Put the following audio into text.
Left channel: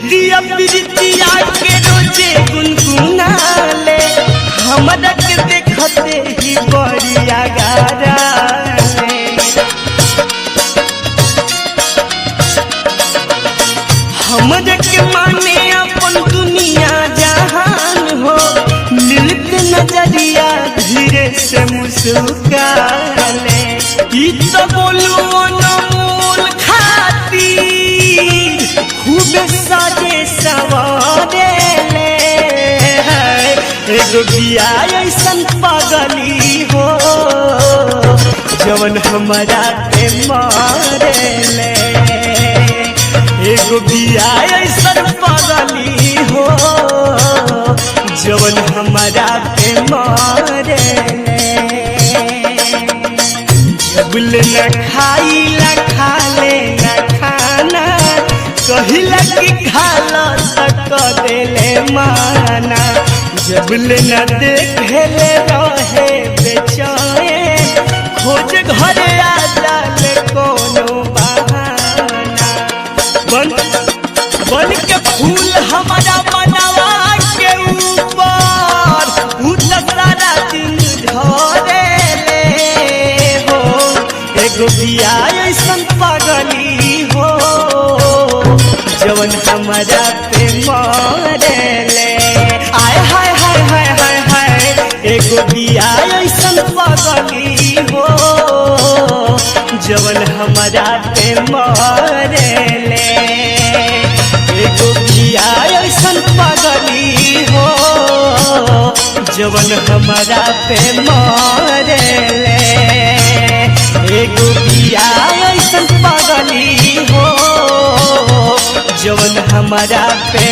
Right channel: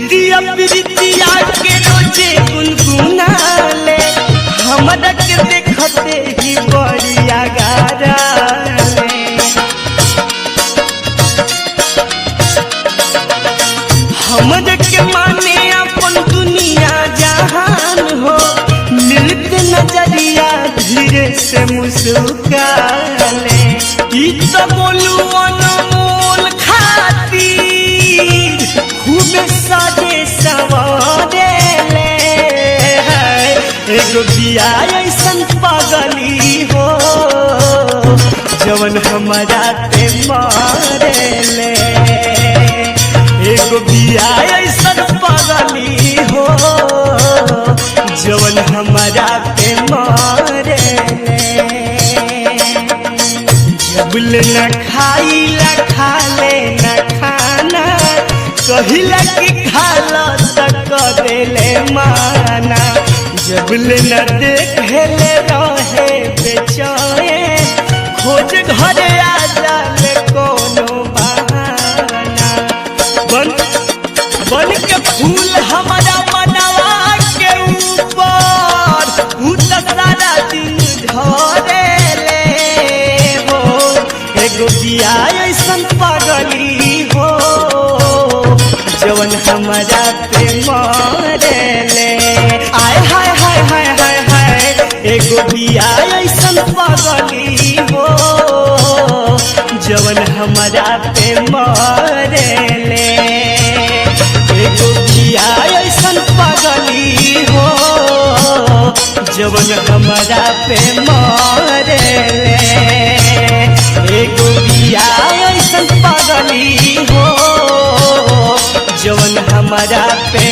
गीतिया प्रीतिया के रोजे गुनगुनाले हमरा के देखते ही बड़िया गाराले हमरा के माने अपन दुनिया जहान हो मिलते नजरिया धीरे से मुस्काले ई तो बोलू अनमोल खातिर खूब साजे सवारे ले एगो बिया ऐसन पागली हो जवन हमारा पे मारे ले एगो बिया ऐसन पागली हो जवन हमारा पे मारे ले जबल न खाइला खाले न खाना कहिला कि खाला तक देले माना जबल न देखेले रहे बेचैन खोज घरे आ जाले कोनो बहाना बन के फूल हमारा मनवा के ऊपर उ तो सारा दिन झरे ले हो एगो बिया ऐसन पागली हो जवन हमारा पे मारे ले आय हाय हाय हाय हाय हाय एगो बिया ऐसन पागली हो जवन हमारा पे मारे ले एगो बिया ऐसन पागली हो जवन हमारा पे मारे ले एगो बिया ऐसन पागली हो जवन हमारा पे